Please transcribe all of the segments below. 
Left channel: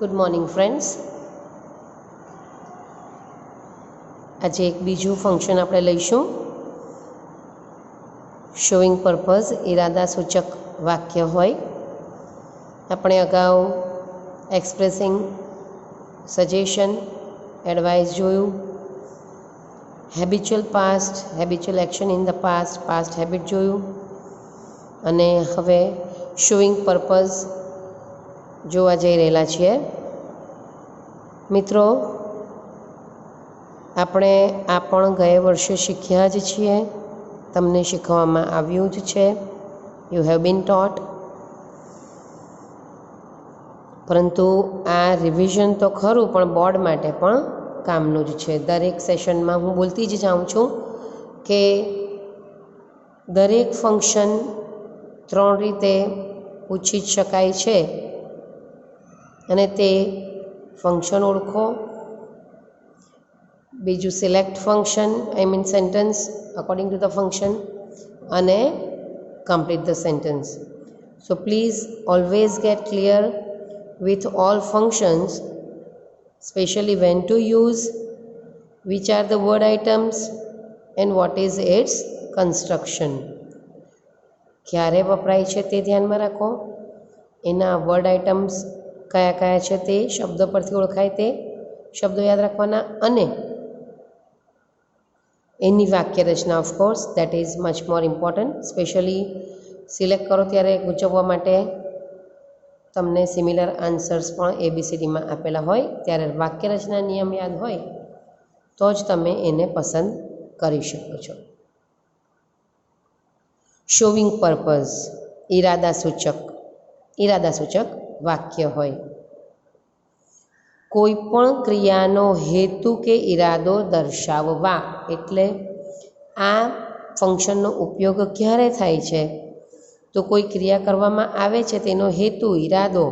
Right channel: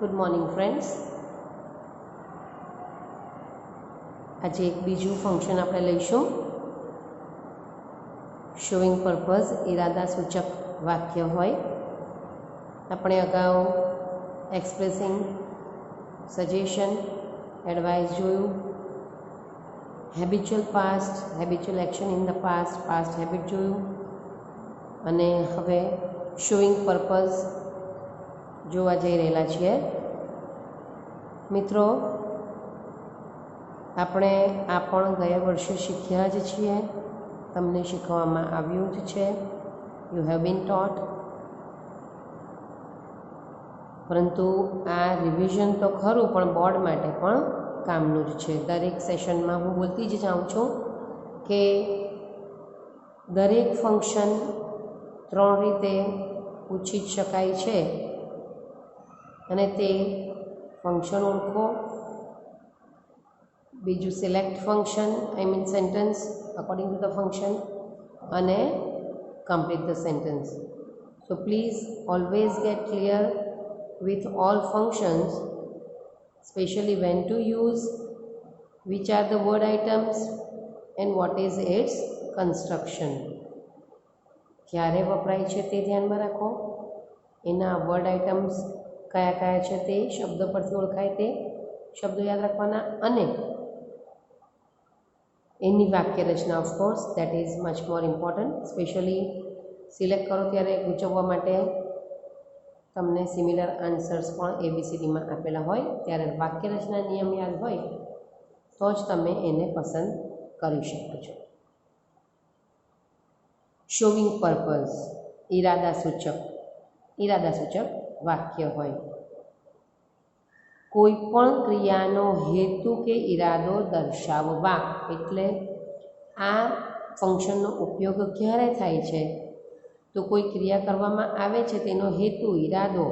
Good morning friends. આજે એક બીજું ફંક્શન આપણે લઈશું. શોઈંગ પર્પઝ ઇરાદા સૂચક વાક્ય હોય. આપણે અગાઉ એક્સપ્રેસિંગ સજેશન, એડવાઇસ જોયું. Habitual past, habitual action in the past, past habit જોયું. અને હવે શોઈંગ પર્પઝ જોવા જઈ રહેલા છીએ. મિત્રો, આપણે આ પણ ગયા વર્ષે શીખ્યા જ છીએ, તમને શીખવવામાં આવ્યું જ છે. You have been taught. પરંતુ આ રિવિઝન તો ખરું, પણ બોર્ડ માટે પણ કામનું જ છે. દરેક સેશનમાં હું બોલતી જ જાઉં છું કે દરેક ફંક્શન 3 રીતે પૂછી જ શકાય છે, અને તે ફંક્શન ઓળખો, બીજું select function, I mean sentence according to the function, અને complete the sentence. So please always get clear with all functions, especially when to use, which are the word items and what is its construction. ક્યારે વપરાય છે તે ધ્યાનમાં રાખો. એના word items કયા કયા છે તે શબ્દ પરથી ઓળખાય તે શબ્દો યાદ રાખવાના, અને એની વાક્ય રચના of course that is much more important. Specially select કરો ત્યારે ગૂંચવવા માટે તમને સિમિલર આન્સર્સ પણ ABCDમાં આપેલા હોય, ત્યારે વાક્ય રચના નિયમ યાદ હોય તો જ તમે એને પસંદ કરી શકો છો. શોવિંગ પર્પઝ ઇરાદાસૂચક વાક્ય હોય. કોઈ પણ ક્રિયાનો હેતુ કે ઈરાદો દર્શાવવા, એટલે આ ફંક્શનનો ઉપયોગ ક્યારે થાય છે? તો કોઈ ક્રિયા કરવામાં આવે છે તેનો હેતુ, ઈરાદો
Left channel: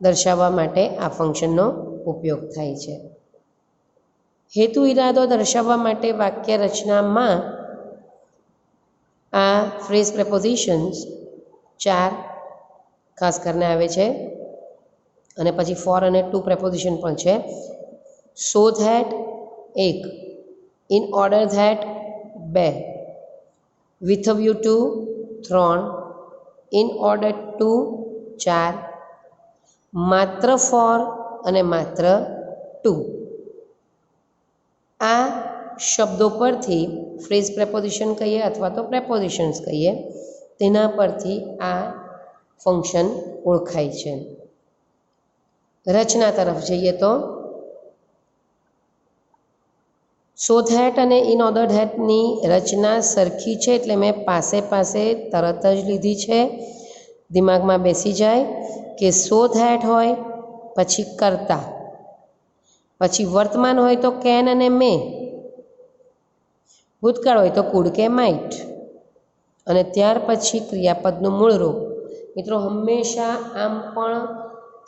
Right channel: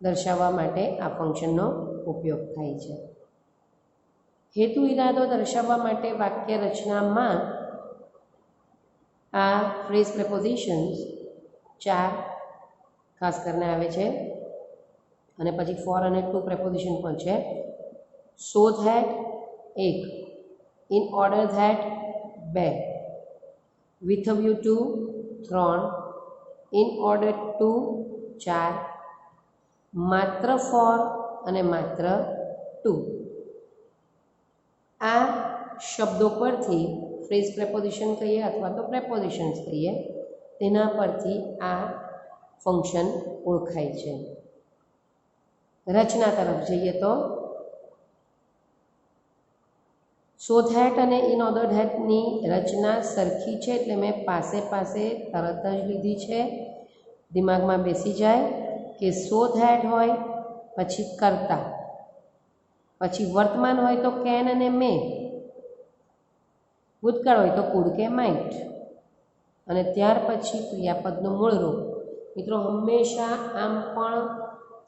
દર્શાવવા માટે આ ફંક્શનનો ઉપયોગ થાય છે. હેતુ ઈરાદો દર્શાવવા માટે વાક્ય રચનામાં આ ફ્રેઝ પ્રેપોઝિશન્સ 4 ખાસ કરીને આવે છે, અને પછી ફોર અને ટુ પ્રેપોઝિશન પણ છે. So that 1, in order that 2, with a view two 3, in order two 4, માત્ર ફોર અને માત્ર ટુ. આ શબ્દો પરથી ફ્રેઝ પ્રેપોઝિશન કહીએ અથવા તો પ્રેપોઝિશન્સ કહીએ, તેના પરથી આ ફંક્શન ઓળખાય છે. રચના તરફ જઈએ તો સો ધેટ અને ઇન ઓર્ડર ધેટની રચના સરખી છે, એટલે મેં પાસે તરત જ લીધી છે. દિમાગમાં બેસી જાય કે સો ધેટ હોય પછી કરતા, પછી વર્તમાન હોય તો કેન અને મે, ભૂતકાળ હોય તો કુડ કે માઇટ, અને ત્યાર પછી ક્રિયાપદનું મૂળ રૂપ. મિત્રો, હંમેશા આમ પણ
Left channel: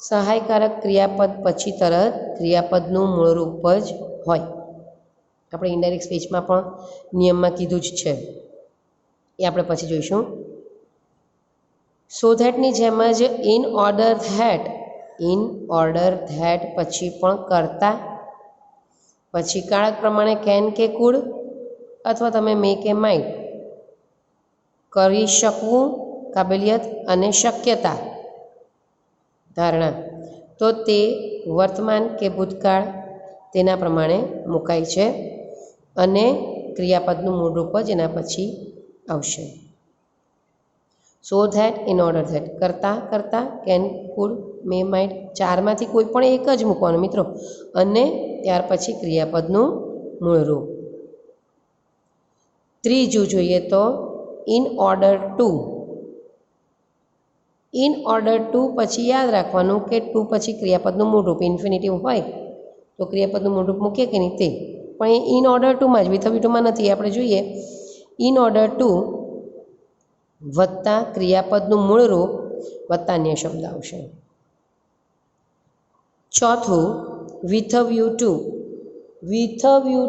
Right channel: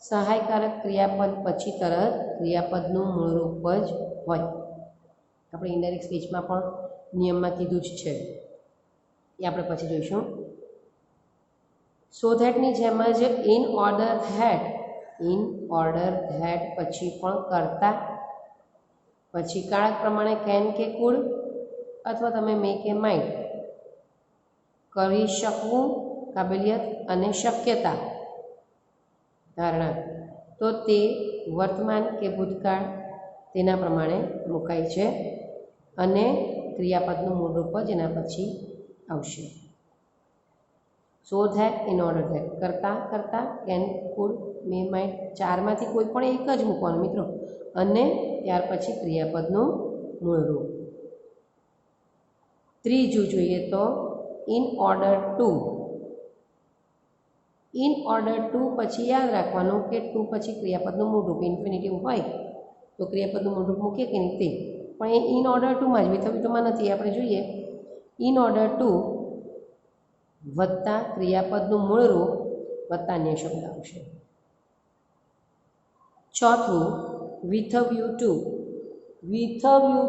સહાયકારક ક્રિયાપદ પછી તરત ક્રિયાપદનું મૂળ રૂપ જ હોય. આપણે ઇનડાયરેક્ટ સ્પીચમાં પણ નિયમમાં કીધું જ છે, એ આપણે પછી જોઈશું. સો ધેટની જેમ જ ઇન ઓર્ડર ધેટ પછી પણ કરતા, પછી કાળક પ્રમાણે કેન કે કુડ, અથવા તમે મે કે માઇટ, કરી શકવું, કાબેલિયત અને શક્યતા, ધારણા, તો તે વર્તમાન કે ભૂતકાળ તેના પ્રમાણે મુકાય છે, અને ક્રિયાપદનું મૂળરૂપ જ એના પછી આવશે. So that, in order that, કરતા, કેન, કુડ, મે, માઇટ, 4માંથી કોઈ પણ એક જ મૂકવાનું મિત્રો, અને ત્યાર પછી ક્રિયાપદનું મૂળરૂપ. ત્રીજું જોઈએ તો ઇન ઓર્ડર ટુ પછી યાદ રાખવાનું કે ટુ પછી ક્રિયાપદનું મૂળરૂપ ઇન્ફિનિટિવ હોય તો ક્રિયાપદનું મૂળરૂપ મૂકીએ કે નહીં તે, પણ એ ઇન ઓર્ડર ટુમાં જ, વિથ અ વ્યૂ ટુમાં નથી. આપણે જોઈએ ઇન ઓર્ડર ટુ વત્તા ક્રિયાપદનું મૂળરૂપ વત્તા અન્ય શબ્દ આવશે. ચોથું વિથ અ વ્યૂ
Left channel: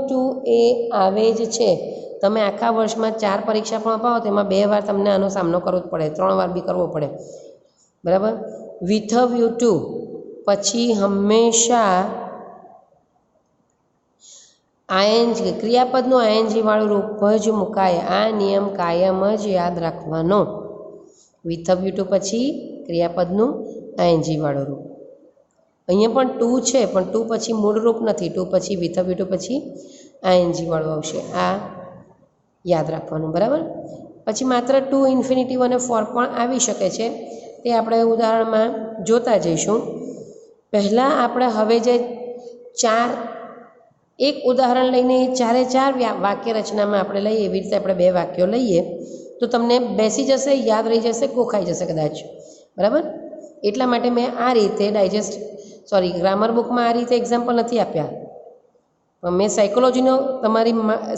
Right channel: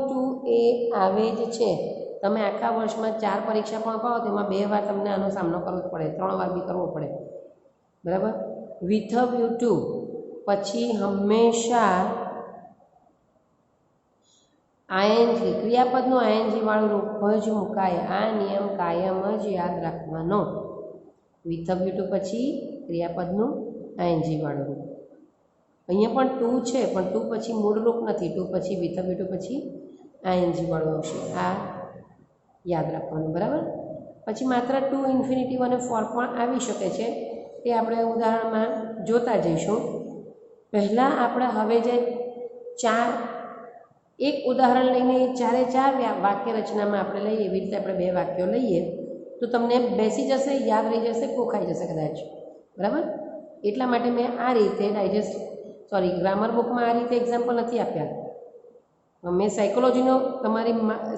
ટુ એ આવે જ છે. તમે આખા વર્ષમાં 4 પરીક્ષા પણ અપાવો, તેમાં 2 વાર તમને આનો સામનો કરવો જ પડે, 3 વાર બી કરવો પડે, બરાબર. વિથ અ વ્યૂ ટુ પછી હંમેશા આઈએનજી ક્રિયાપદનું આઈએનજી વાળું રૂપ જ મુકાય. આ નિયમ કાયમ જ યાદ રાખવાનો. વિથવ્યુ ટુ પછી ક્રિયાપદનું આઈએનજી વાળું રૂપ. અહીંયા પણ ટુ છે પણ ટુ પછી મૂળ રૂપ નથી. ટુ પછી વિથવ્યુ ટુ પછી આઈએનજી વાળું આવશે. આ યાદ રાખવાનું, બરાબર. પછી માત્ર ટુ ઇન્ફિનિટિવ અને ફોર પણ આવી શકે છે. તે આપણે ઉદાહરણમાં જોતા જઈશું. પહેલાં આપણે હવે જે એક ઉદાહરણ લઈને ચારે ચાર વાક્ય રચનામાં આપણે લઈએ, એવી રીતે આપણે 2 વાક્યો લઈએ તો તમને બેસી જશે, યાદ રહી જશે, કોખાઈ જશે કદાચ, બરાબર. એટલા માટે મેં આ રીતે ગ્રામર બુકમાં આ રીતે એક્ઝામ્પલ નથી આપ્યા. મેં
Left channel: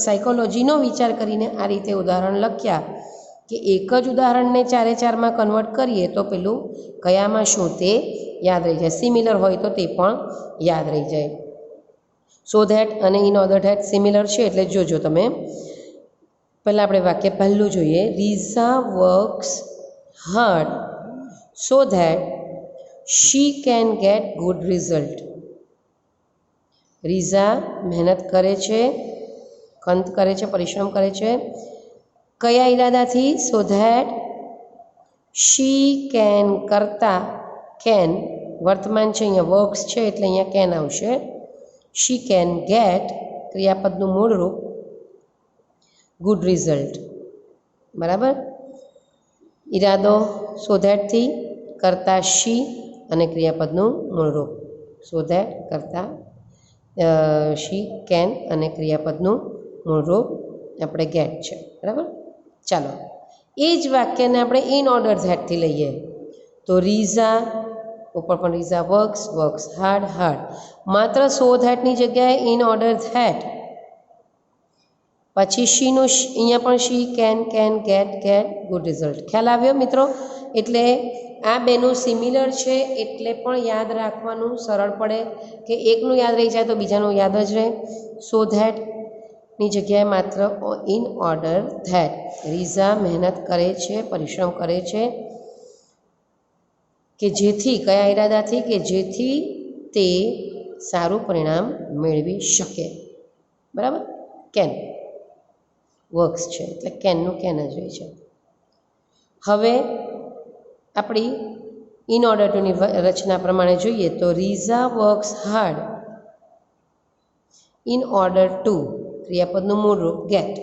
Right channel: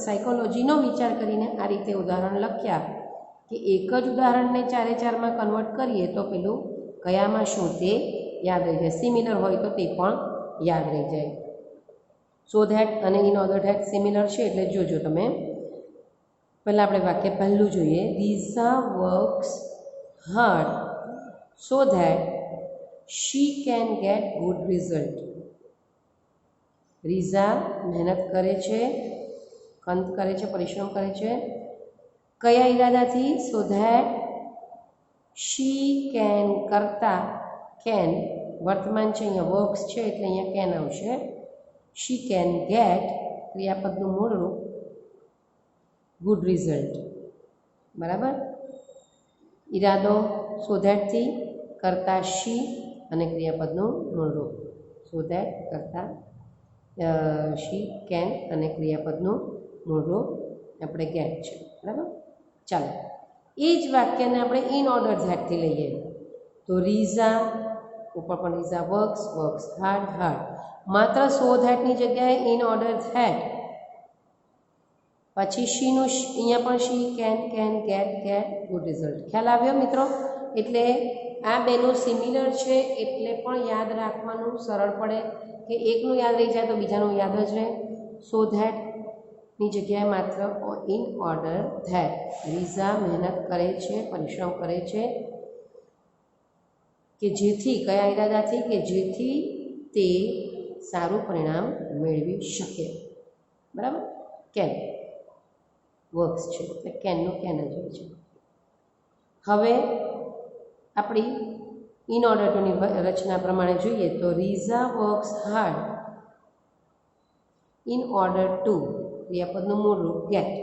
સાયકોલોજીનો વિચાર કરીને આ રીતે ઉદાહરણ લખ્યા કે એક જ ઉદાહરણને ચારે ચારમાં કન્વર્ટ કરીએ તો પેલું કયામાં શું તે યાદ રહી જાય. સિમિલર હોય તો તે પણ યાદ રહી જાય. સો ધેટ અને ઇન ઓર્ડર ધેટ સિમિલર છે એટલે જોજો તમે. પહેલાં આપણે વાક્ય પહેલું જોઈએ. Riza works hard so that she can get good result. Riza મહેનત કરે છે, ખંત કરે છે, પરિશ્રમ કરે છે. કયા ઈરાદાથી? સો ધેટ શી કેન કરતા કેન વર્તમાન છે, અહીંયા વર્ક્સ છે એટલે અહીંયા કેન આવશે. શી કેન ગેટ ક્રિયાપદનું મૂળ રૂપ ગુડ રિઝલ્ટ, બરાબર. ઈરાદો સો ધેટથી, કરતા શી અને ક્રિયાપદનું મૂળ રૂપ સો ધેટ કરતા શી કેન અને ક્રિયાપદનું મૂળ રૂપ આપણે ગેટ છે, બરાબર. ચાલો એ જ વાક્યને આપણે ઇન ઓર્ડર ધેટથી લઈએ તો રીઝા ઉપર પણ રીઝા વર્ક્સ હાર્ડ. માત્ર સો ધેટની જગ્યાએ ઇન ઓર્ડર ધેટ. પછી શીનું અહીંયા પણ she can get good result. ખ્યાલ આવ્યો મિત્રો? એટલે આ બેનું સિમિલર છે એટલે પણ યાદ રાખવાનું સરળ પડે કે એકનું યાદ રહી જાય તો બીજાનું યાદ જ રહે. સો ધેટની જગ્યાએ માત્ર ઇન ઓર્ડર ધેટ. રીઝા મહેનત કરે છે, પરિશ્રમ કરે છે કે જેથી કયા ઈરાદાથી? કે જેથી તે સારું પરિણામ મેળવી શકે, બરાબર. કેન વર્ક્સ છે એટલે કેનનું કેન જ હોય છે. હવે આપણી ઇન ઓર્ડર ટુની રચના પ્રમાણે જોઈએ તો Riza works hard in order to ક્રિયાપદનું મૂળ રૂપ ગેટ.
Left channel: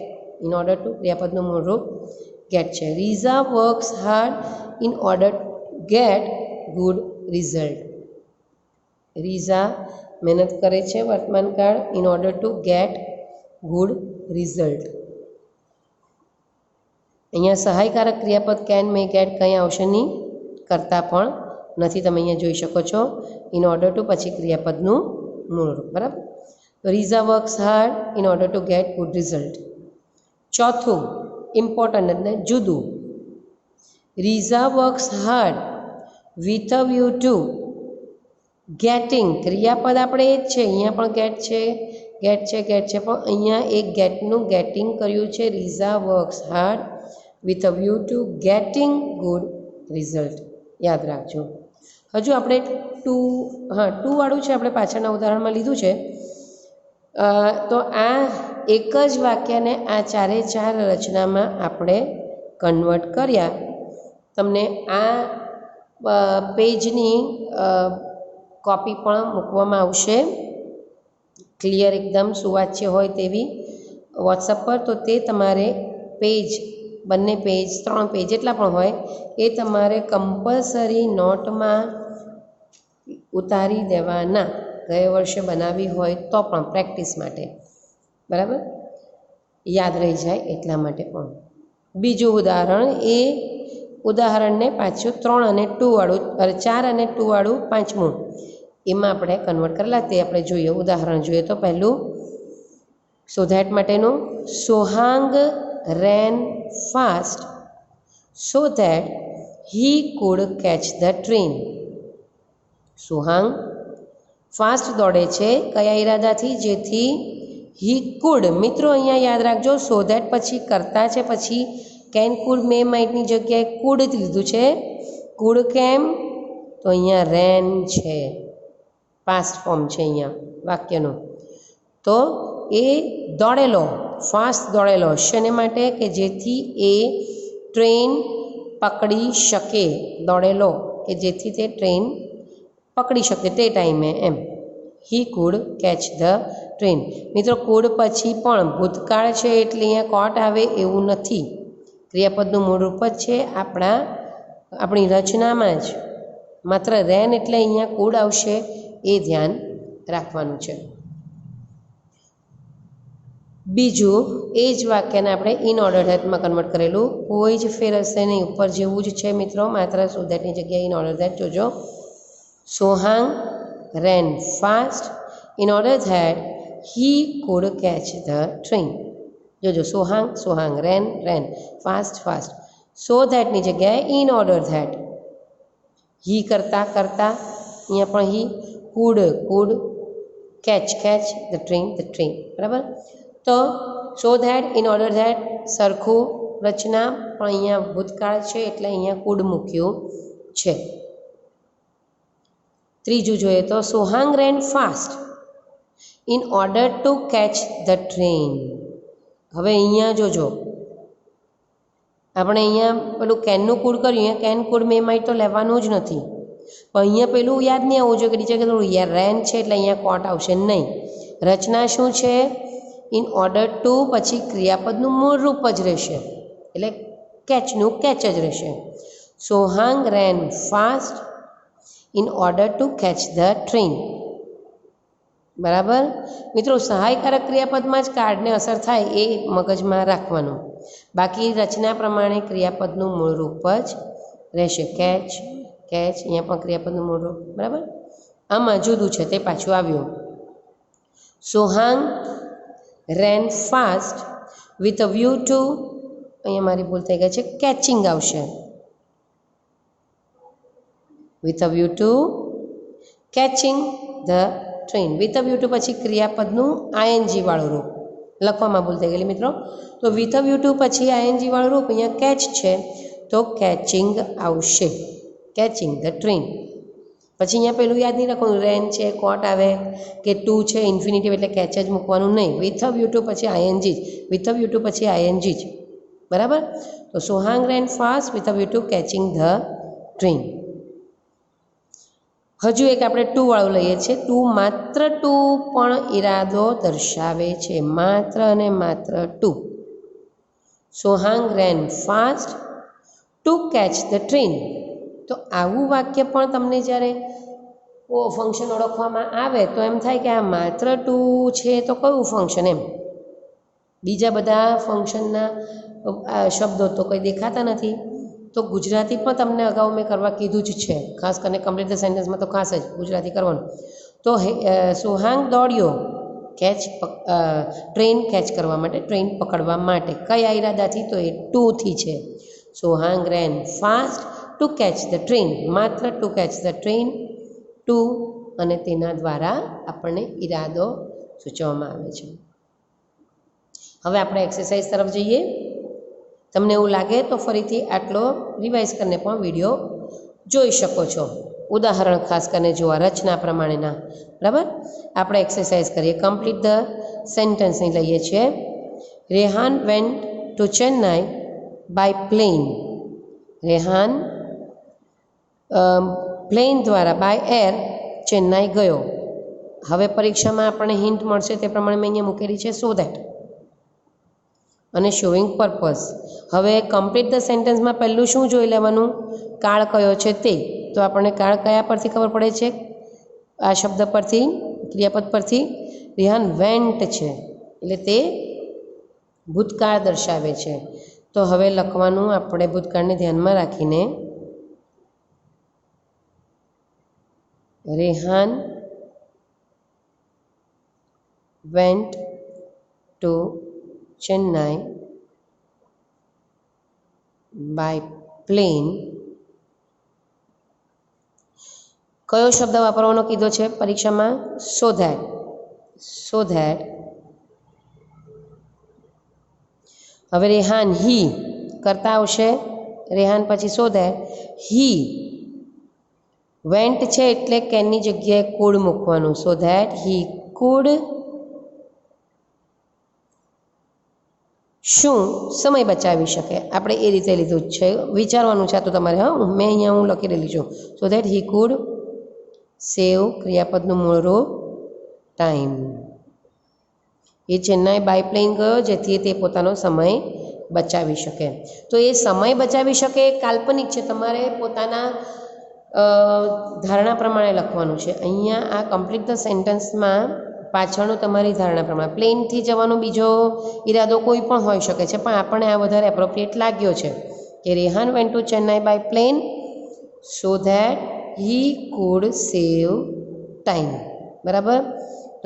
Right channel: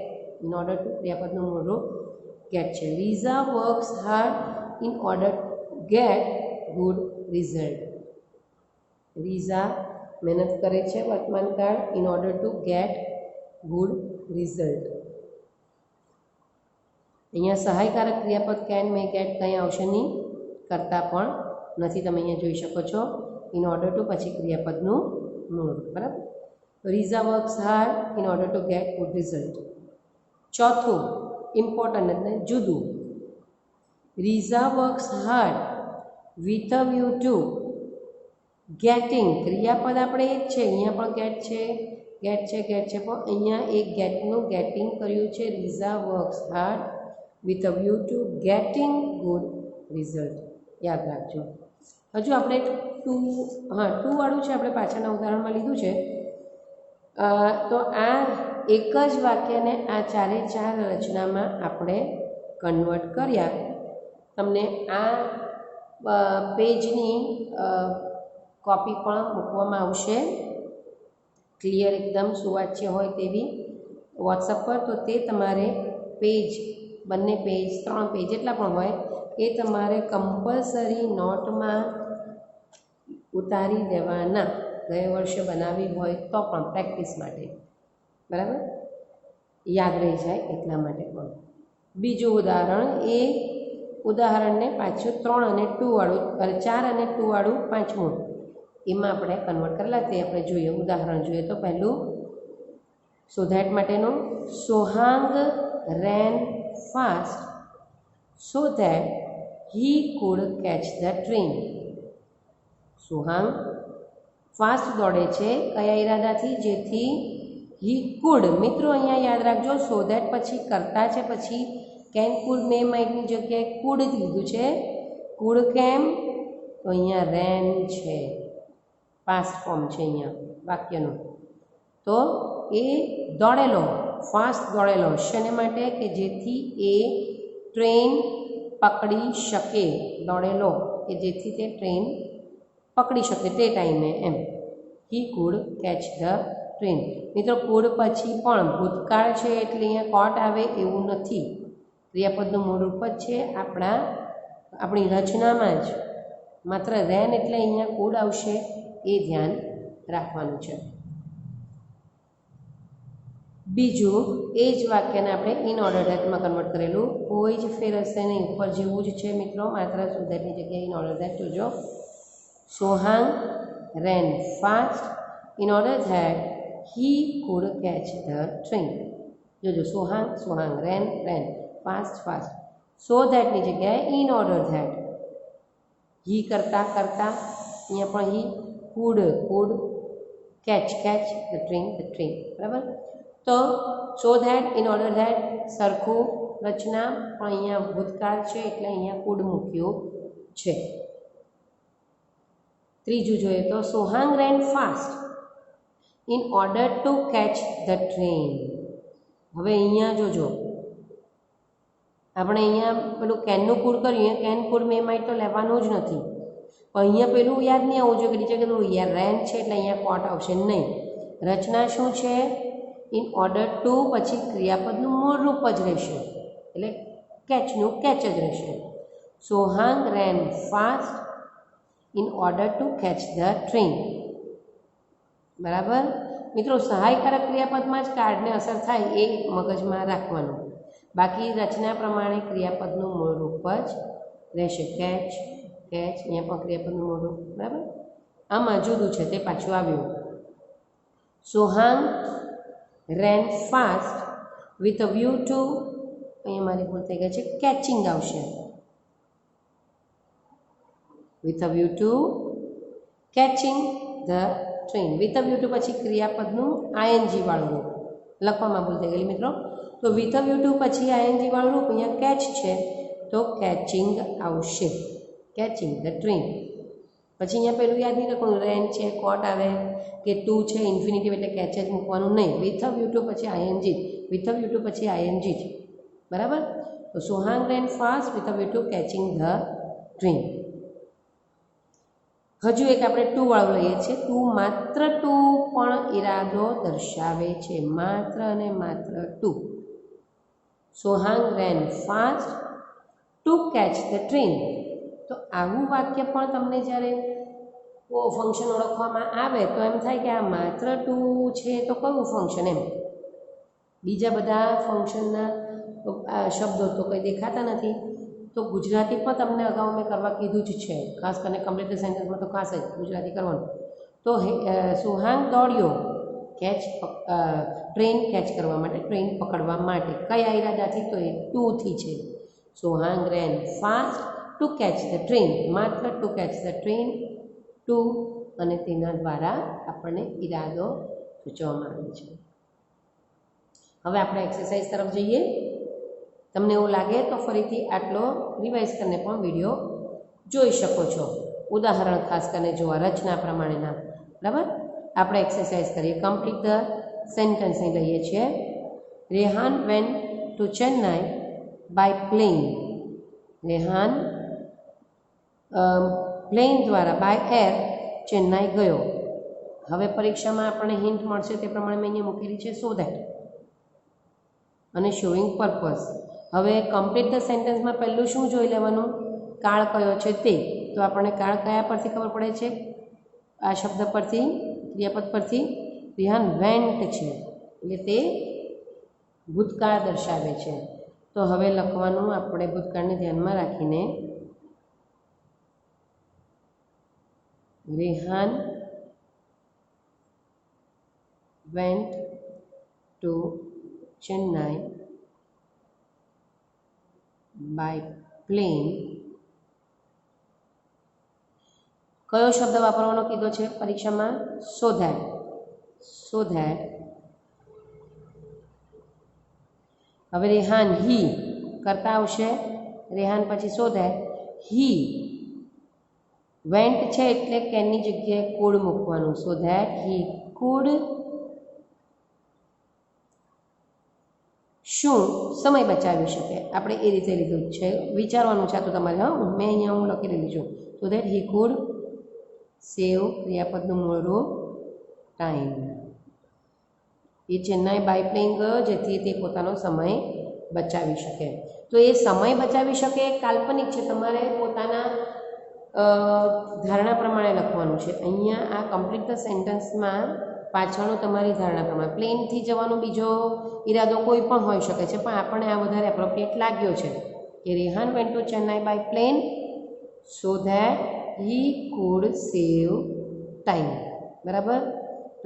ઇન ઓર્ડર ટુ ક્રિયાપદનું મૂળ રૂપ ગેટ છે. Riza works hard in order get good result. Riza મહેનત કરે છે વર્તમાન કાળ in order to get good result. અહીંયા સહાયકારક ક્રિયાપદ કેન મે ગેટ કંઈ આવશે નહીં, કરતા પણ નથી. તમે અહીંયા જોઈ શકો છો ઇન ઓર્ડર ટુ પછી ક્રિયાપદનું મૂળ રૂપ, બરાબર. તો Riza works hard in order to get good result. ચોથું ઇમ્પોર્ટન્ટ એટલે જુદું. Riza works hard with a view to getting. ક્રિયાપદ આપણે એ જ છે, અહીંયા પણ ગેટ છે પણ અહીંયા એક ગેટનું ગેટિંગ કર્યું છે. Riza works hard with a view to getting good result. યાદ રાખજો. હજુ આપણે ટુ વાળું છે આપણે પાછળના ઉદાહરણમાં લીધું છે. તો આ એક જ વાક્યને આ ચારે ચાર રચનામાં આપણે કન્વર્ટ કર્યા. તમને આ પેજની કોપી પણ મૂકવામાં આવશે, ક્લિયર એકદમ સુવાચ્ય હોય તેવી વોટ્સઅપ પર. તો તે તમારે બંને પેજ 3 પેજ જેટલા પણ હોય એ તમારે કમ્પલસરી નોટમાં ઉતારી દેવાના. ગયા વર્ષે બનાવી હોય તો પણ પ્રેક્ટિસ માટે, બરાબર, યાદ રહી જાય એટલા માટે પણ. બીજું ઉદાહરણ, એ ઉદાહરણને પાછું 3 અને 2 વાળું 4 અને 2 વાળું પાંચમું એમાં આપણે કન્વર્ટ કરેલા તે આપણે જોઈએ. ઉદાહરણ જોઈએ તો પહેલું સો ધેટ માટેનું. Sohang ran fast so that he could catch the train. Sohang fast દોડે છે કયા ઈરાદાથી? જેથી હી કુડ. મિત્રો અહીંયા યાદ રાખજો સો ધેટ પછી કરતા છે, પછી કેન કુડ મે માઇટની જગ્યાએ કુડ લીધું છે. કુડ કેમ? તો અહીંયા રેન છે, પાસ્ટ ફોર્મ છે અહીંયા વાક્યનું. તો એ દોડેલો, ફાસ્ટ દોડેલો શેને માટે કે જેથી એ ટ્રેન પકડી શકે, દોડેલો કે જેથી તે ટ્રેન પકડી શકે તે ટાઈમે એમ. He could catch the train. મિત્રો કુડ પછી પણ ભૂતકાળ છે એટલે અહીંયા કોટ આવે એવું નથી. ક્રિયાપદનું મૂળ રૂપ જ છે આપણી રચનામાં જ. માત્ર રેન એટલે અહીંયા કુડ આવશે એ ધ્યાન રાખવાનું છે. બીજું એ જ વાક્યને આપણે ઇન ઓર્ડર ધેટમાં કન્વર્ટ કરેલું, કોઈ જ ફેર હશે નહીં, ઉપર જેવું જ છે મિત્રો, માત્ર સો ધેટની જગ્યાએ ઇન ઓર્ડર ધેટ જોજો. Sohang ran fast in order that he could catch the train. જોજો સોહાંગ રેન ફાસ્ટ સો ધેટની જગ્યાએ ઇન ઓર્ડર ધેટ. હી કરતા અહીંયા પણ હી કુડ કેચ ધ ટ્રેન. બરાબર. તો so that in order that સરખું રચના, પણ અહીંયા ભૂતકાળ છે એટલે અહીંયા કુડ મૂક્યું છે. ત્રીજું જોઈએ તો Sohang ran fast in order to catch the train. હવે અહીંયા જોજો, આપણે અહીંયા પેલું કેનનું કુડ કર્યું, અહીંયા કેન કુડ મે માઇટ તો લેવાનું જ નથી, પણ અહીંયા પેલું યાદ નહીં આવવું જોઈએ કે નીચે કીધું રેન છે એટલે અહીંયા કોટ આવશે નહીં. રચના શું છે? ઇન ઓર્ડર ટુ પછી ક્રિયાપદનું મૂળ રૂપ જ રહેશે એટલે કેચનું કેચ જ રહેશે. Sohang ran fast in order to catch the train. બરાબર મિત્રો, સહાયકારક ક્રિયાપદમાં જ કાર્ડને અસર થાય એ મગજમાં રાખવાનું. બાકી રચના પ્રમાણે ક્રિયાપદનું મૂળ રૂપ જ રહેશે. કેચ અહીંયા પણ ક્રિયાપદનું મૂળ રૂપ. બરાબર. આમાં જુદું છે તે પાછું આવ્યું. Sohang ran fast with a view to, અહીંયા મારી ભૂલ થઈ ગઈ છે, કેચિંગ આવશે. With a view to catching the train. With a view to પછી ક્રિયાપદનું આઈએનજી વાળું રૂપ લખવામાં ભૂલ થઈ ગયેલી મિત્રો. તો વિથ અ વ્યૂ ટુ પછી આઈએનજી વાળું રૂપ અહીંયા કેચ છે તો કેચિંગ આવશે. Catching the train. પછી અહીંયા પેલું યાદ નહીં રાખવાનું, રેન છે કોટ આવે કે ટુ છે ઇન્ફિનિટિવ એટલે કેચ જ મૂકવાનું નહીં. વિથ અ વ્યૂ ટુ પછી આઈએનજી જ, વિથ અ વ્યૂ ટુ પછી આઈએનજી જ. બરાબર. તો Sohang ran fast with a view to catching the train. હજુ એક આપણે ટુ વાળું લઈએ છીએ. માત્ર ટુ પણ ઈરાદો દર્શાવે છે. માત્ર અને માત્ર to. Sohang ran fast to catch the train. તો આવું વાક્ય પણ તમને જ્યારે ફંક્શન ઓળખવામાં આવે તો એમ થાય કે આ માત્ર ટુ છે તો કયું ફંક્શન એમ. બીજા બધા ફંક્શનના શબ્દો તો કંઈ દેખાતા નથી. તો ગુજરાતી પણ તમને અગાઉ મેં કરવા કીધું જ છે, ખાસ કરીને કમ્પ્લીટ ધ સેન્ટેન્સમાં તો ખાસ જ ગુજરાતી કરવાનું. તો સોહાંગ દોડ્યો ટ્રેન કેચ કરવા માટે, ટ્રેન પકડવા માટે. કયા ઈરાદાથી? તો એ ટુથી છે. Sohang ran fast to catch the train. માત્ર to catch the train, to અને તેના દ્વારા આપણને ઈરાદો સૂચવવામાં આવે છે. હવે આપણે એક્સરસાઇઝ તરફ જઈએ. તમને એવું લાગે તો ફરીથી આટલો રિવાઇઝ કરીને પણ વિડીયો જોઈ શકો છો. ઉદાહરણ ખાસ કરીને જોવા રચના પ્રમાણેના. બરાબર. આપણે એક્સરસાઇઝ કરીએ. કમ્પ્લીટ ધ સેન્ટેન્સની લઈએ છીએ. Rehan went to Chennai by plane. Rehan plane દ્વારા બાય એર ચેન્નાઈ ગયો. હવે પરીક્ષામાં આપણને હિન્ટ મળશે તે પ્રમાણે મેં અહીંયા મૂકેલી છે સો ધેટ અને શોઈંગ પર્પઝ. હવે કમ્પ્લીટ ધ સેન્ટેન્સમાં પહેલું શું જોઈ લેવાનું? કાળ કયો છે તે. તો આપણને કાળ કયા પરથી ખબર પડે છે? આ શબ્દ પરથી, ક્રિયાપદ પરથી. રેહાન વેન્ટ છે એટલે તે ભૂતકાળ દર્શાવે છે. તો હવે લખવાનું આપણે ભૂતકાળને ધ્યાનમાં રાખીને. Rehan went to Chennai by plane. કયો શબ્દ વાપરવાનો કીધો છે પરીક્ષામાં? So that. હવે રેહાન હી કરતા આવશે. રેહાન પછી સો ધેટ હી વેન્ટ છે એટલે કેનની જગ્યાએ કુડ મૂકવાનું. સો ધેટ હી કુડ શું સમય બચાવી શકે. આપણે એ રીતે લીધું જ છે, વિચારવાનું છે તો તમારે. હા, મેં અહીંયા હું લખી રહેલી છું. સો ધેટ હી કુડ સેવ ક્રિયાપદનું મૂળ રૂપ ટાઈમ. એ ચેન્નાઈ બાય પ્લેન ગયો જેથી તે પોતાનો સમય બચાવી શકે. તો એ સમય બચાવી શકે એ કાલ્પનિક છે, તમારે પોતાના ધારણા પ્રમાણે લખવાનું છે. અહીંયા આ કમ્પ્લીટ ધ સેન્ટેન્સમાં પાછળનું તમારી ધારણા પ્રમાણે પ્લેનથી જવાનો બીજો ઈરાદો કોઈ પણ હોઈ શકે છે, પણ આપણને આ વધારે એપ્રોપ્રિએટ લાગ્યો છે કે Rehan went to Chennai by plane so that he could save time. બરાબર.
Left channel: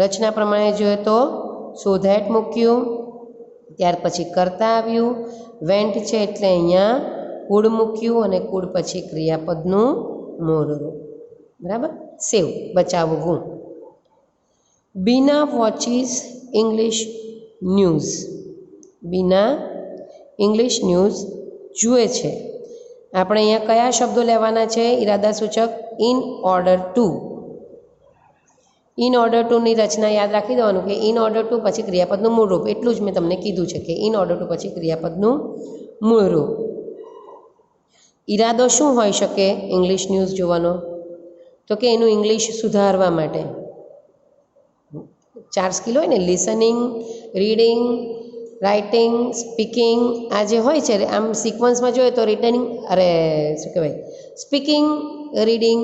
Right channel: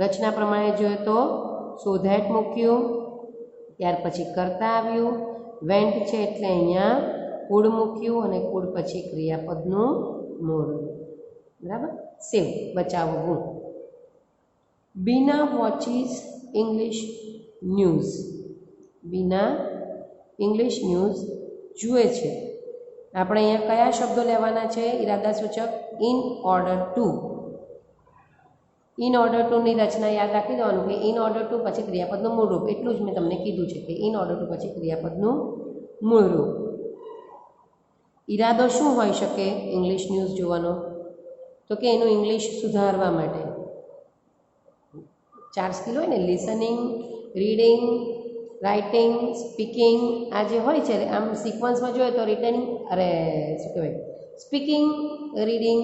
રચના પ્રમાણે જોઈએ તો સો ધેટ મૂક્યું, ત્યાર પછી કરતા આવ્યું, વેન્ટ છે એટલે અહીંયા કુડ મૂક્યું અને કુડ પછી ક્રિયાપદનું મૂળ રૂપ. બરાબર. સેવ બચાવવું. બીના વોચિસ ઇંગ્લિશ ન્યૂઝ. બીના ઇંગ્લિશ ન્યૂઝ જુએ છે. આપણે અહીંયા કયા શબ્દો લેવાના છે? ઈરાદા સૂચક in order to. In order ટુની રચના યાદ રાખી દેવાનું કે ઇન ઓર્ડર ટુ પછી ક્રિયાપદનું મૂળ રૂપ. એટલું જ મેં તમને કીધું છે કે ઇન ઓર્ડર ટુ પછી ક્રિયાપદનું મૂળ રૂપ. ઈરાદો શું હોઈ શકે ઇંગ્લિશ ન્યૂઝ જોવાનો? તો કે એનું ઇંગ્લિશ સુધારવા માટે. 4 સ્કિલ હોય ને, લિસનિંગ, રીડિંગ, રાઇટિંગ, સ્પીકિંગ. આ જે હોય છે આમ સિક્વન્સમાં જોઈએ તો રિટર્નિંગ શું કહેવાય, speaking, reading,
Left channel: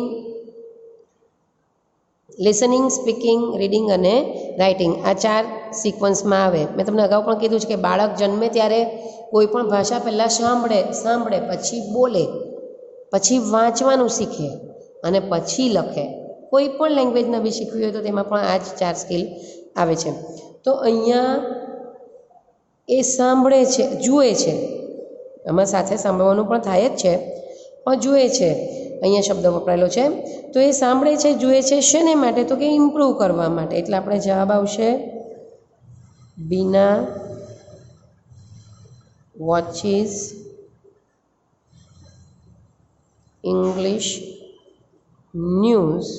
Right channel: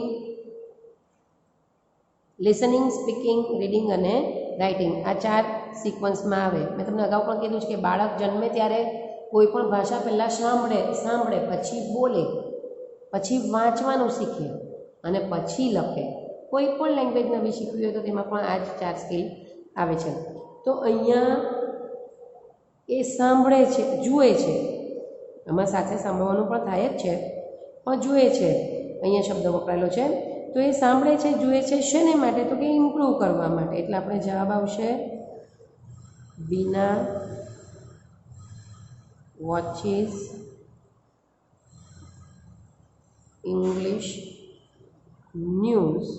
listening, speaking, reading અને રાઇટિંગ, આ 4 સિક્વન્સમાં આવે. મેં તમને અગાઉ પણ કીધું છે કે બાળક જન્મે ત્યારે કોઈ પણ ભાષા પહેલાં સાંભળે પછી બોલે, પછી વાંચવાનું શીખે અને પછી લખે. કોઈ પણ લેંગ્વેજ નવી શીખવી હોય તો તેમાં પણ આ જ 4 સ્કિલ આવે છે. તો અહીંયા એ સાંભળે છે, જુએ છે, આમાં સાથે સાંભળવાનું પણ થાય જ છે, પણ જુએ છે અહીંયા શબ્દ વપરાયેલો છે. તો એ સાંભળે છે, જુએ છે, શેને માટે? તો કે ઇમ્પ્રૂવ કરવા માટે. એટલે આપણે જવાબ આવશે બીના વોચિસ ઇંગ્લિશ ન્યૂઝ.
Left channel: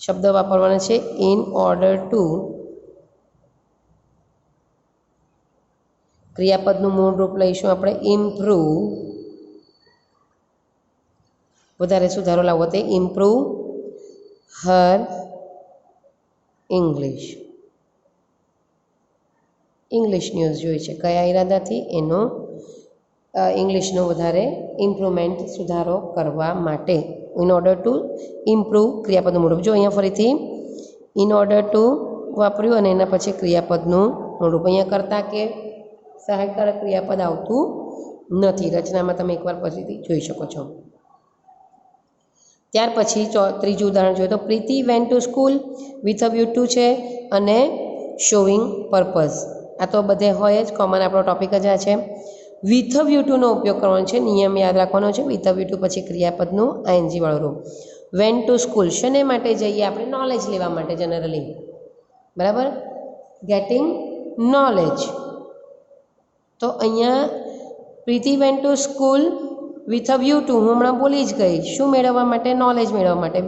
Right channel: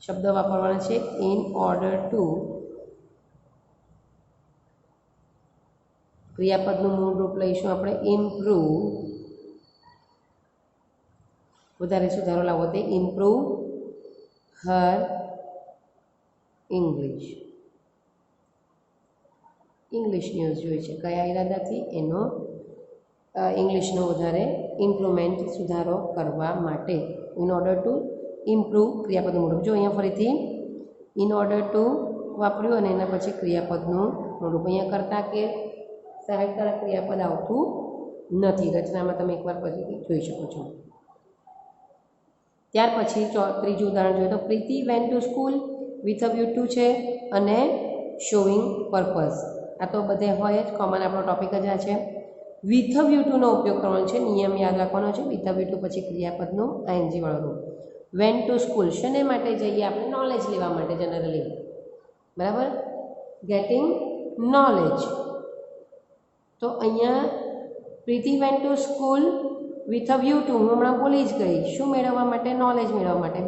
શબ્દ વાપરવાના છે ઇન ઓર્ડર ટુ. ક્રિયાપદનું મૂળ રૂપ લઈશું આપણે ઇમ્પ્રૂવ. વધારે સુધારો લાવવો તે ઇમ્પ્રૂવ હર ઇંગ્લિશ. ઇંગ્લિશ ન્યૂઝ જોઈએ છે કયા ઈરાદાથી? એનો ઇંગ્લિશનો વધારે ઇમ્પ્રુવમેન્ટ, સુધારો કરવા માટે. ઇન ઓર્ડર ટુ ઇમ્પ્રૂવ ક્રિયાપદનું મૂળ રૂપ. જો અહીંયા ફરીથી ઇન ઓર્ડર ટુ વાપર્યું અને એના પછી ક્રિયાપદનું મૂળ રૂપ. અહીંયા કરતા કે સહાયકારક ક્રિયાપદ આવતું નથી. રચનામાં તમે એકવાર પછીથી જોઈ શકો છો. ત્યાર પછી ત્રીજું ઉદાહરણ જોઈએ તો Preeti went to school with a view to છે અને શોવિંગ પર્પઝ. આ તો બધે હોય જ, કોમન આપણો ટોપિક જ આ છે. વિથ અ વ્યૂ ટુનો ઉપયોગ કરવાનો છે, નિયમ યાદ રાખવાનો છે. વિથ અ વ્યૂ ટુ પછી ક્રિયાપદનું આઈએનજી વાળું રૂપ. વેન્ટ ટુ સ્કૂલ શેને માટે જઈએ? આપણે નોલેજ લેવા માટે જનરલી. બરાબર. Getting knowledge. તો અહીંયા Preeti went to school with a view to, હું હમણાં બોલી જ ગઈ, શું મેળવવા માટે? નોલેજ મેળવવા માટે.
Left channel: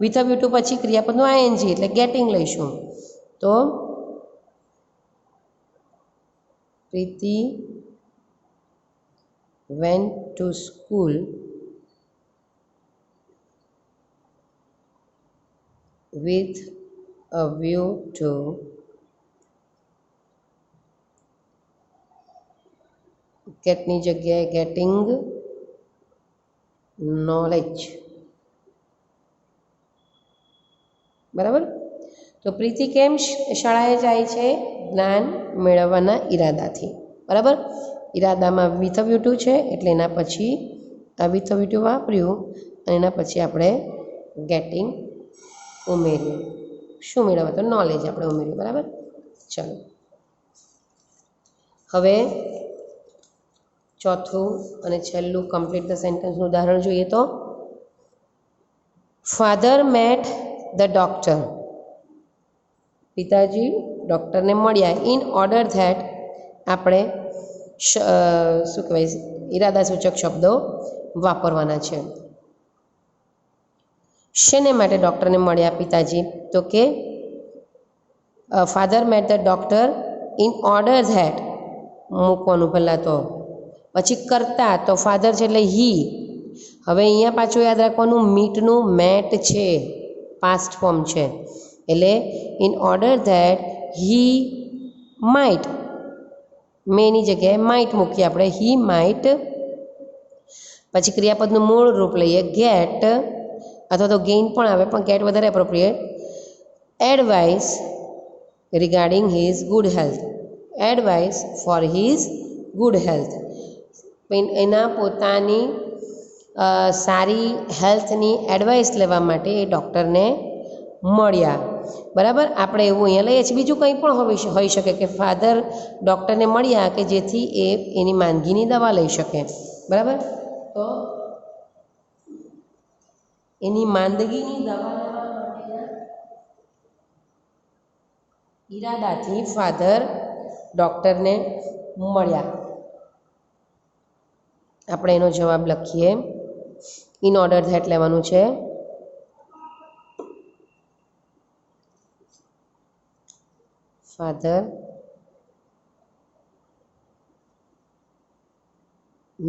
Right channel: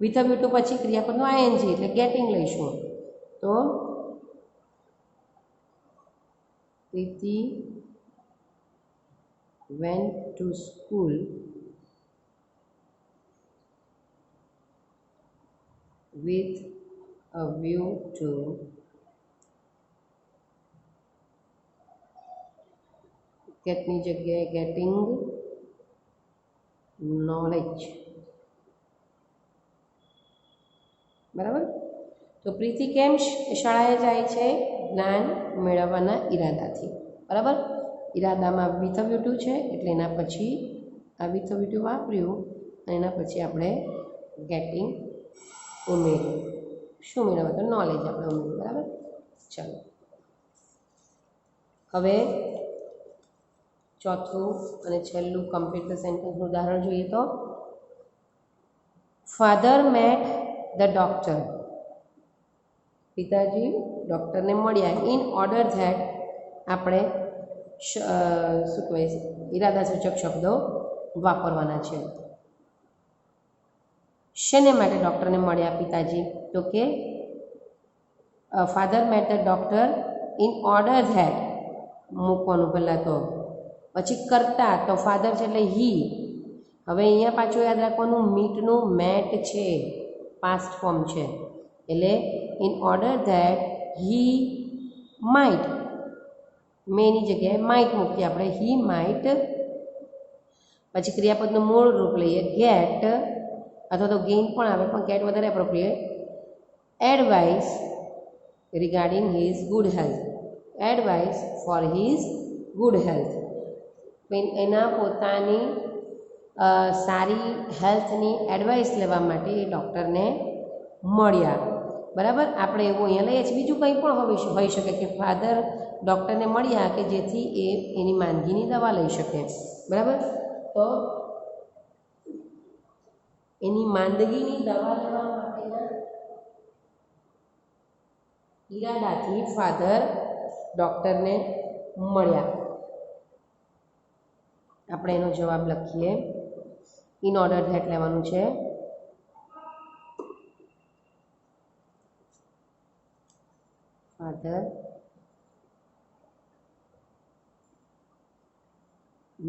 વિથ અ વ્યૂ ટુ પછી ક્રિયાપદનું આઈએનજી એટલે ગેટિંગ લઈશું. તો Preeti went to school with a view to getની જગ્યાએ getting knowledge. બરાબર. તો પ્રીતિ કેમ શાળાએ જાય છે? જ્ઞાન મેળવવાના ઈરાદાથી. બરાબર. ઈરાદામાં વિથ અ વ્યૂ ટુ છે એટલે એના પછી આ વિથ અ વ્યૂ ટુ વાપર્યું અને એના પછી આપણે ગેટિંગ ઉમેર્યું. શું મેળવવા? તો નોલેજ આપણે ઉમેર્યું. બરાબર. ચાલો હવે ચોથું અને છેલ્લું કમ્પ્લીટ ધ સેન્ટેન્સનું ઉદાહરણ જોઈએ તો ફાધર મેટ ધ ડૉક્ટર. પિતાજી ડૉક્ટરને મળ્યા. ઇન ઓર્ડર ધેટ આપણે શું કહેવાય, ઈરાદા સૂચક શબ્દો વાપરવાના છે. શેને માટે ડૉક્ટરને મળ્યા પિતાજી? તો કે father met the doctor in order that, મૂકવાનું પહેલાં તો, પછી કરતા તો ફાધર છે એટલે હી. હવે અહીંયા પાછું યાદ રાખવાનું મીટનું મેટ છે, પાસ્ટ ફોર્મ છે, એટલે in order that he might, many જગ્યાએ માઇટ મૂકીએ આપણે, હી માઇટ. પછી ક્રિયાપદનું મૂળ રૂપ લઈએ ગેટ, અથવા તો ગેઇન પણ આવે પણ ગેટ વધારે appropriate. Advice regarding his good health, advice four his good health, એના પોતાની સારી હેલ્થની એડવાઇસ લેવા માટે એ ડૉક્ટરને મળ્યા. બરાબર, આપણે એવું અહીંયા લઈએ છીએ. બીજું કંઈ પણ હોઈ શકે કે ફાધર ડૉક્ટરને મળ્યા કે જેથી એ એની માંદગીની દવા લઈ શકે. બરાબર, તો એની માંદગીની દવા લેવા માટેના ઈરાદાથી ફાધર ડૉક્ટરને મળ્યા. આપણે એનો જવાબ લખીએ. ઇન ઓર્ડર ધેટ લેવાનું છે. Father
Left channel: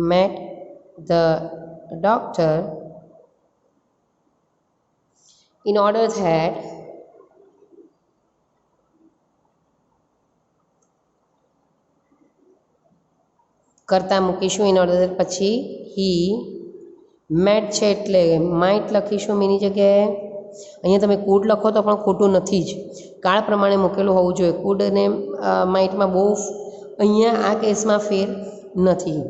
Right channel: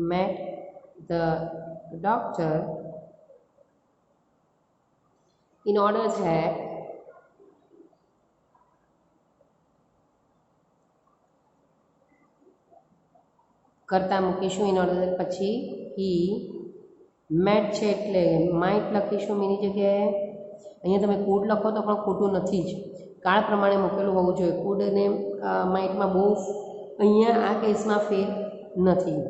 met the doctor in order that કરતા મૂકીશું ઇન ઓર્ડર ધેટ, પછી હી મેટ છે એટલે માઇટ લખીશું મીની જગ્યાએ. અહીંયા તમે કુડ લખો તો પણ ખોટું નથી જ, કાળ પ્રમાણે મૂકેલું હોવું જોઈએ. કુડ અને માઇટમાં બહુ અહીંયા આ કેસમાં ફેર નથી.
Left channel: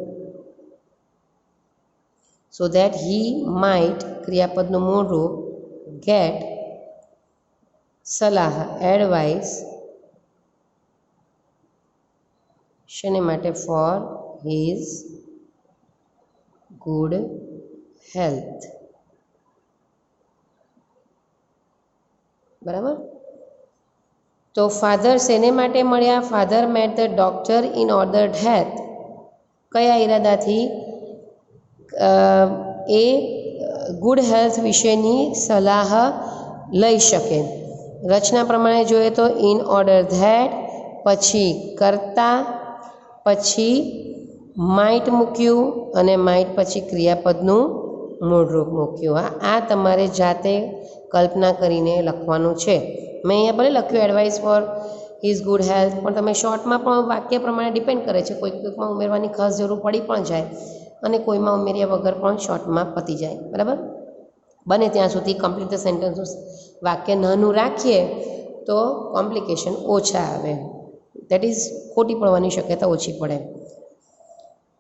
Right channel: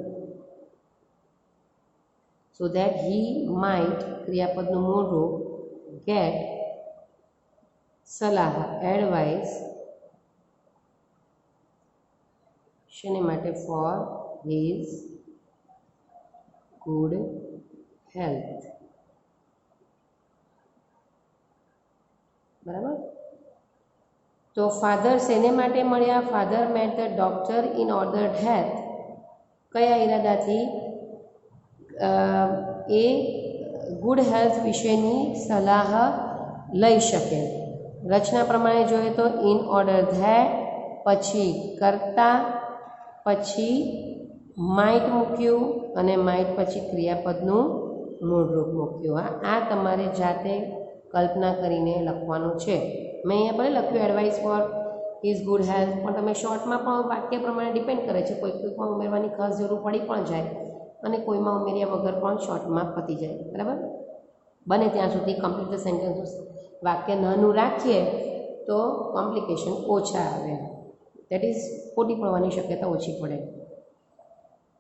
સો દેટ હી માઇટ, ક્રિયાપદનું મૂળ રૂપ ગેટ, સલાહ એડવાઇસ, શેને માટે? For his good health. બરાબર, તો ફાધર શેને માટે મળ્યા? Father met the doctor in order that, કયા ઈરાદાથી? એ ગુડ હેલ્થ વિશેની સલાહ લઈ શકે. રચના પ્રમાણે જોઈએ તો ઇન ઓર્ડર ધેટ, પછી કરતા, પછી માઇટ મૂક્યું અને માઇટ પછી ક્રિયાપદનું મૂળરૂપ મૂક્યું. આ તમારે જાતે કલ્પના કરીને લખવાનું છે. મેં અહીંયા ભલે લખ્યું advice four his good health, પણ તમે શોર્ટમાં પણ વાક્ય પ્રમાણે ડિપેન્ડ કરે છે. કોઈકમાં ઉમેરવાની ખાસ જરૂર પડી પણ જાય અને કોઈમાં ઉમેર્યા વગર પણ શોર્ટમાં પતી જાય. બરાબર, બને ત્યાં સુધી કમ્પ્લીટ ધ સેન્ટેન્સ વાક્ય નાનું રાખીએ તો કોમ્પ્લિકેશન ઓછા આવે, દેટ ઇઝ ખોટી પડવાની શક્યતા ઓછી પડે.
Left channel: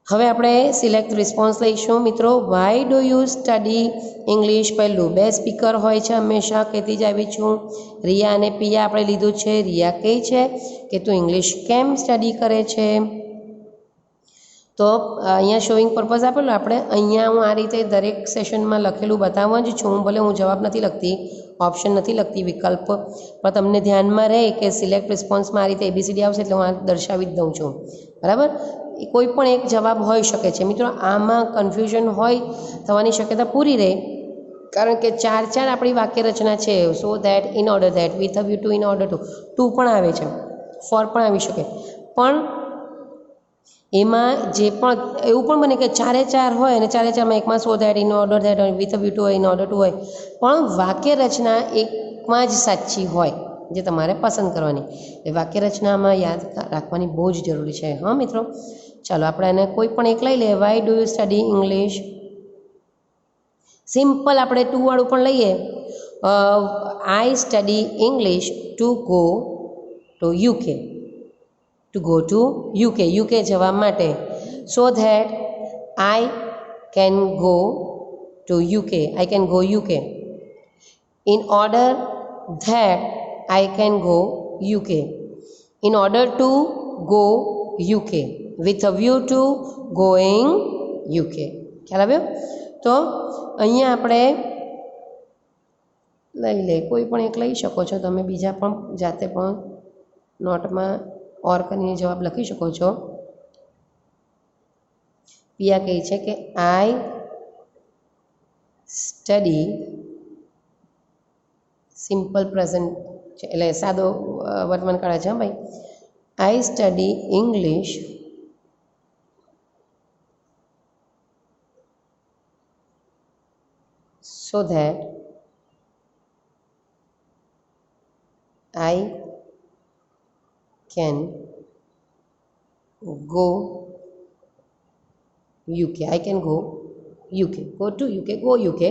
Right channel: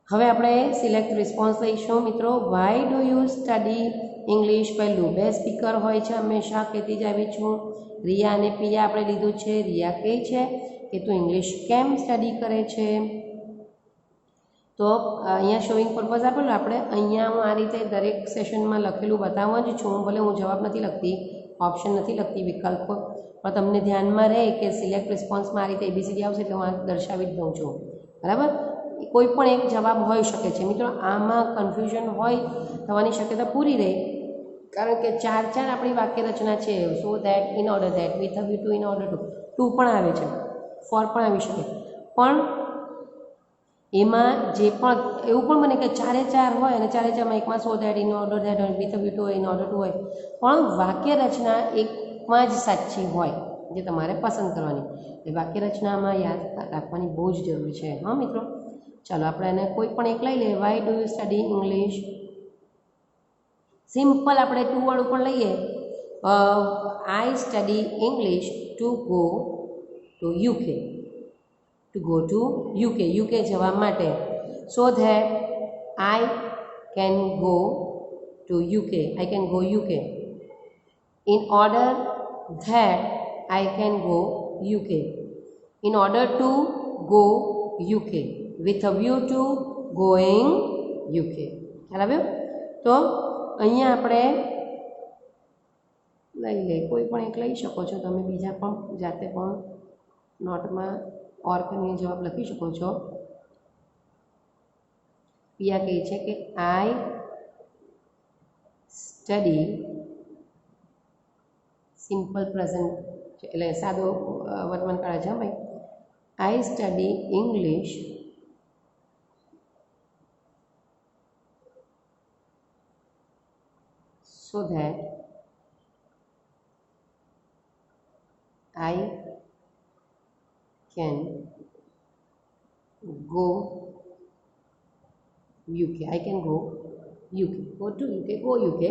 હવે આપણે સિલેક્ટ રિસ્પોન્સ લઈશું. મિત્રો, why do you study English? પહેલું, બે સ્પીકર હોય છે હંમેશા, કહેતી જ આવી છું. રિયા અને પિયા આપણે લીધું છે. રિયા કહે છે કે તું ઇંગ્લિશ કેમ સ્ટડી કરે છે? તો અહીંયા શોઈંગ પર્પઝ આપેલું, આપણે અહીંયા હું આ રીતે દરેક સેશનમાં લખેલું બતાવવા જ છું. ભલે હું જવાબ નથી લખતી, ઓપ્શન નથી લખતી, વિકલ્પ, પણ તમને ધ્યાનમાં રહે કે સિલેક્ટ રિસ્પોન્સમાં આ રીતે એબીસીડી આવશે એટલે હું આ દર્શાવી જ દઉં છું. બરાબર, કોઈ પણ એક જવાબ હોઈ શકે છે. મિત્રો, આમાં કન્ફ્યુઝન હોય થવાની શક્યતા પૂરી રહે, કારણ કે ચાર આપણી વાક્ય રચના છે. So that, in order that, with a view two, in order two પણ આવે છે, ફોર પણ આવી શકે. પણ એમાં જે પણ એવું પણ બને કે ચાર હોય અને ચારમાં એકમાં so that, in order that, with a view two, in order two હોય, પણ વાક્ય રચના એકમાં જ સાચી હોય જે તમારે પસંદ કરવાની. એ વાક્ય રચનામાં યાદ રાખવાની બહુ જ જરૂરી છે. હા મિત્રો, ચાલો આપણે એને કોઈ પણ એક લઈ લઈએ. Why do you study English? Simple આપણે ટુ વાળું પણ લઈએ. I study English to go to UK, to go to UK, UK જવા માટે. સો that I can go to UK, I can go UK. In order that I can go UK. In order to go UK, with a view two going UK. ખ્યાલ આવ્યો? તો અહીંયા આપણે લઈ લે, કોઈ પણ એક લઈ શકો છો તમે, બીજા પણ જાતે પણ નોટમાં ઓર કરીને જવાબ લખી શકો છો. પિયા કહે છે કે આઈ સ્ટડી સિમ્પલ પ્રેઝન્ટ છે એટલે સાદો વર્તમાન કાળ છે ભાઈ. I study English so that I can go UK. I can go UK. Go to UK. Go UK.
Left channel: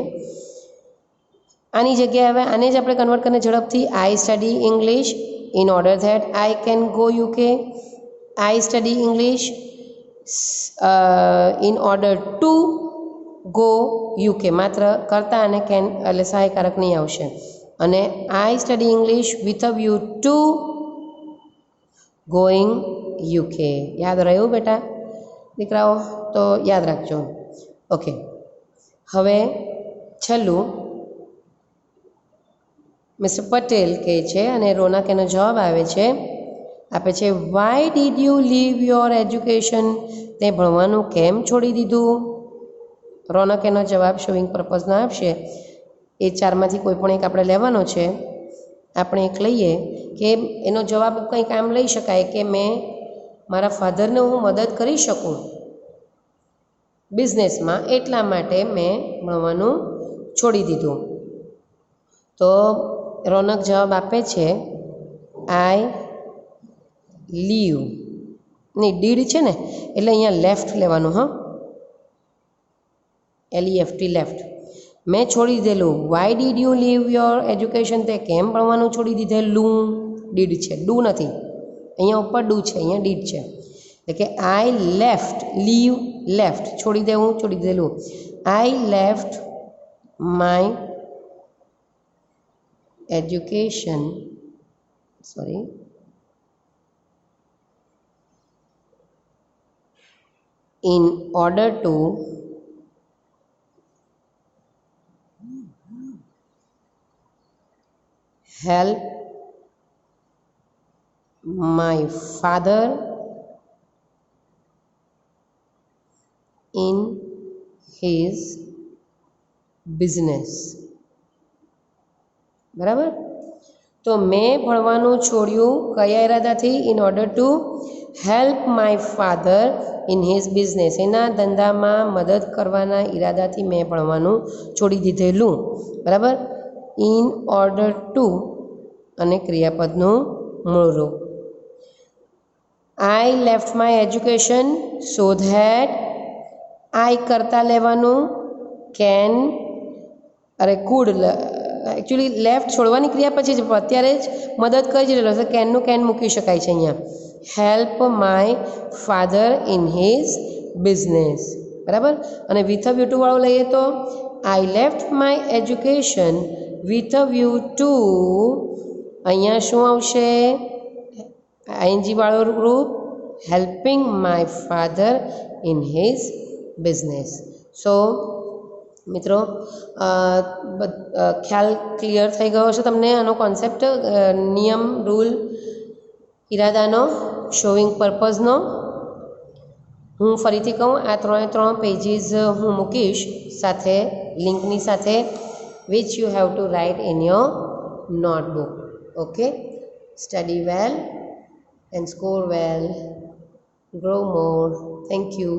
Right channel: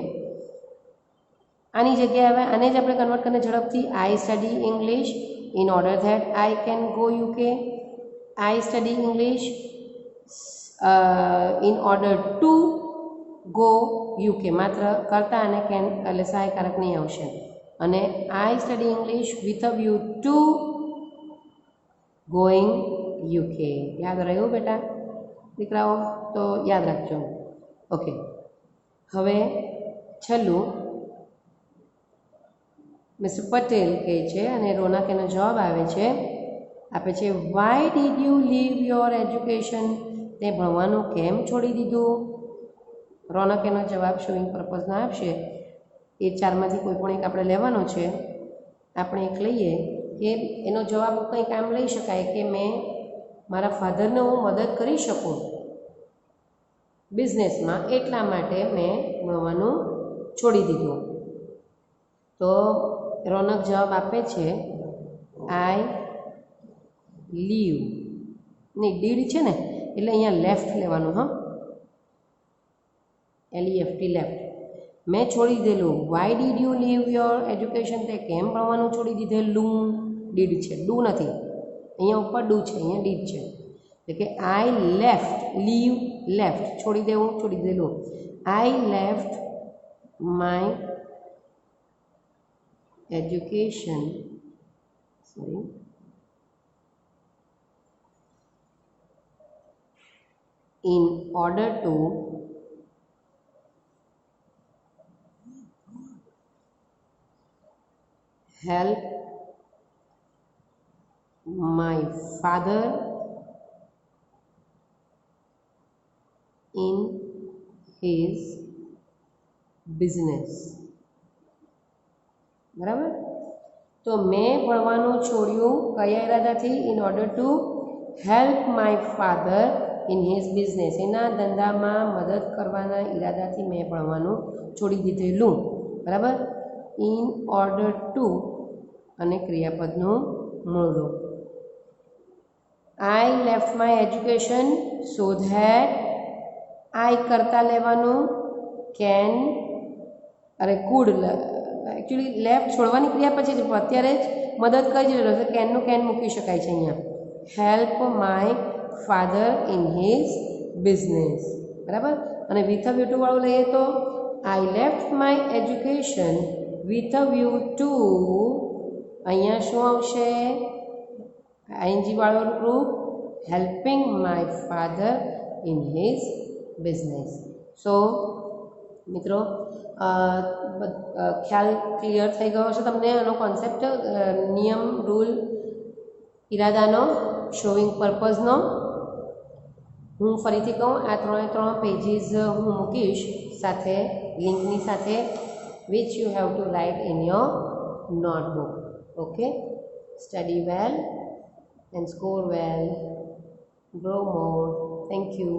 આની જગ્યાએ હવે આને જ આપણે કન્વર્ટ કરીને ઝડપથી I study English in order that I can go UK. I study English in order to go UK. માત્ર કરતા અને કેન એટલે સહાયકારક નહીં આવશે. અને I study English with a view two going UK. યાદ રહ્યું બેટા દીકરાઓ? તો યાદ રાખજો. ઓકે, હવે છેલ્લું મિસ્ટર પટેલ કહે છે અને રોનક એનો જવાબ આપે છે why did you leave your education? તે ભણવાનું કેમ છોડી દીધું? રોનક એનો જવાબ શોઈંગ પર્પઝનો આપશે. એ ચારમાંથી કોઈ પણ એક આપણે લેવાનો છે. આપણે એક લઈએ કે એનો જવાબ કંઈક આમ લઈ શકાય કે મેં મારા ફાધરને હું મદદ કરી શકું બિઝનેસમાં, એટલા માટે મેં ભણવાનું છોડી દીધું. તો રોનક જવાબ આપે છે આઈ લીવ. નહીં, ડીડ છે ને એટલે અહીંયા લેફ્ટ લેવાનું. હા, LEFT લેફ્ટ. મેં છોડી દીધેલું. Why did you leave your education? તે કેમ ભણવાનું છોડી દીધેલું? ડીડ છે, ડુ નથી. અહીંયા ઉપર ડુ છે, અહીંયા ડીડ છે. એટલે કે આઈ લેફ્ટ, લીવ લેફ્ટ, છોડી દેવું, છોડી દીધેલું. આઈ left my education in order to help my father in his business. બરાબર? તો મેં ભણવાનું છોડ્યું કયા ઈરાદાથી? In order to help my father in his business. એના ધંધામાં મદદ કરવાના ઈરાદાથી મેં ભણવાનું છોડી દીધેલું. બરાબર? ઇન ઓર્ડર ટુ અને ક્રિયાપદનું મૂળ રૂપ. I left my education so that. I કરતા લેવાનું, કેન અરે કુડ. એકચ્યુઅલી લેફ્ટ છોડવાની ક્રિયા પછી જ અત્યારે જ મદદ કરી જ રહેલો છે. કેનનું કેન મૂકી શકાય છે અહીંયા. Help my father in his business. બરાબર? અને વિથ અ વ્યૂ ટુ વાળું લઈએ તો I left my education with a view to. અહીંયા શું આવશે? આઈએનજી વાળું રૂપ helping my father in his business. So મિત્રો, ખ્યાલ ક્લિયર થઈ ગયો છે તમને આનો કોન્સેપ્ટ, નિયમ, રૂલ, ઈરાદાનો, શોઈંગ પર્પઝનો. હું ફરીથી કહું, આ 3 પેજીસ હું મૂકીશ સાથે લિંકની સાથે, which you have to write in your notebook. Okay, study well and score well, grow more. Thank you.